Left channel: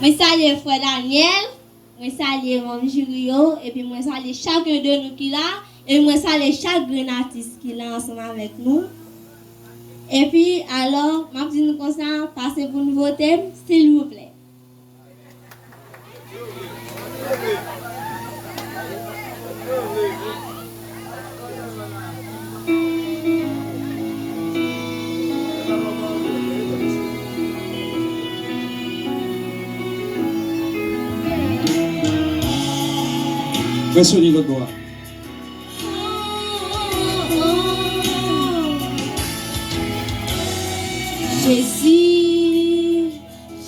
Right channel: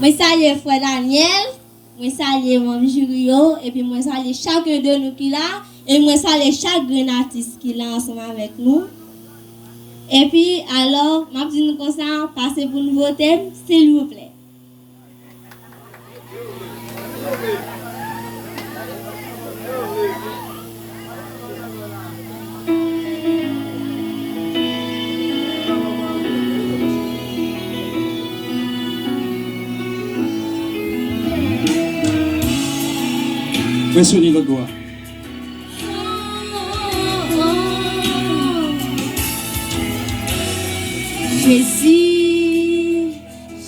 Moi salue frère Daniel, moi salue mon Jurio et puis moi salue chacun de nous qui là et moi salue chaque artiste qui là ensemble avec nous. Et puis alors, m'a dit nous comme ça, passez pour nous voter s'il vous plaît. Pressionnez le doigt. Jésus,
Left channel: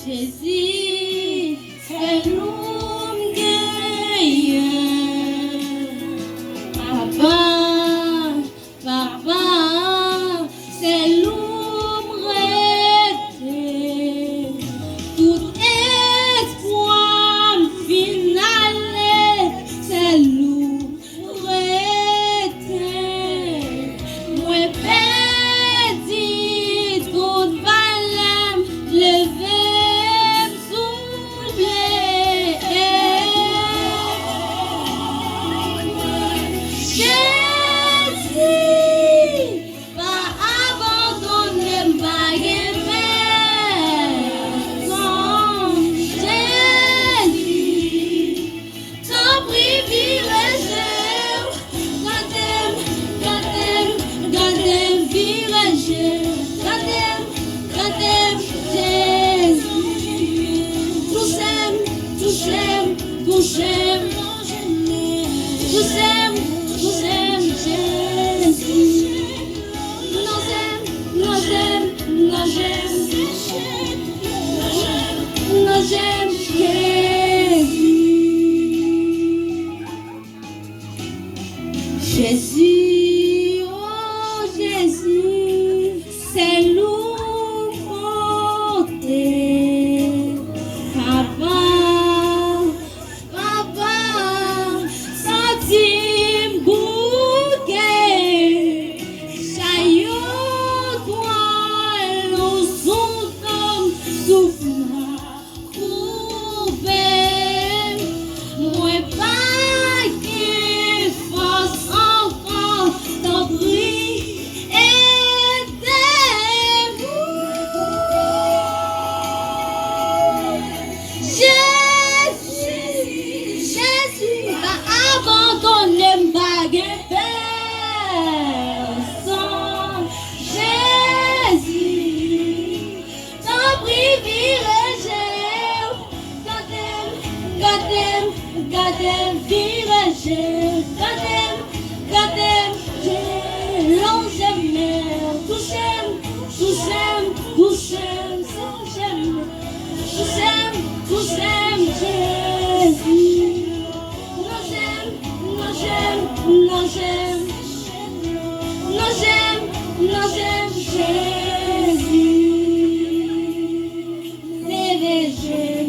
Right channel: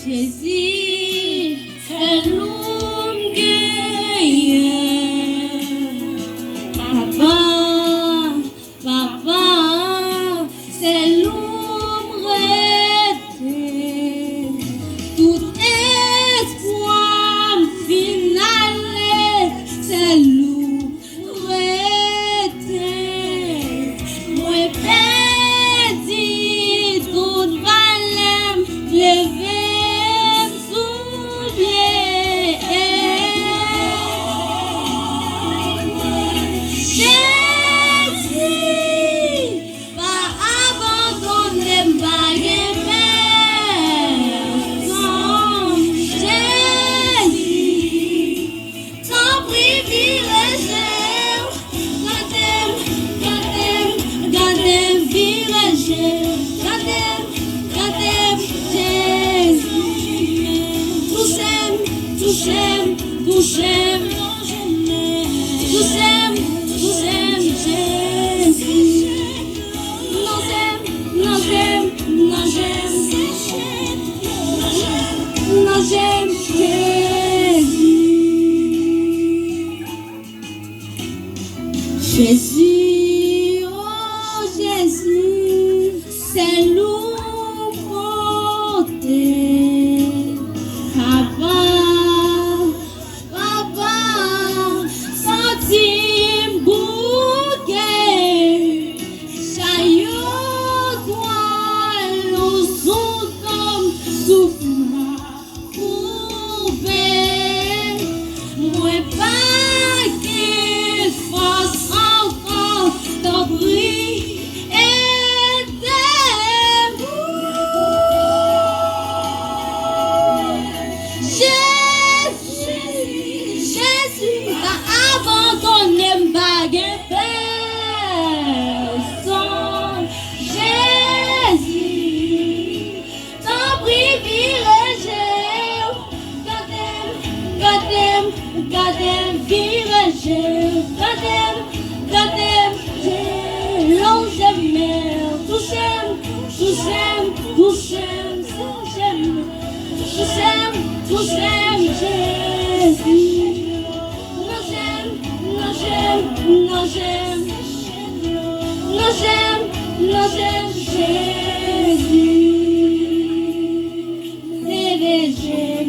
Jésus, c'est l'homme gagnant. Papa, papa, c'est l'homme arrêté. Tout espoir final, c'est l'homme arrêté. Moi, perdu, tout valem, lever, souffler. Jésus, pas abandonner, pas personne. Jésus, ton privilège, gardez, village, gardez, Jésus. Touchez, Jésus. J'aime Jésus, oh Jésus, c'est louange. Papa, papa, sentim bouquet, chaillot, toi, l'eau souffle, moi pas qu'il fasse encore ton bruit et Jésus, pas abandonner baguette personne. Jésus, ton privilège, gardez, village, gardez, l'on j'aime, touchez, Jésus. Non, j'aime Jésus. Levez Jésus.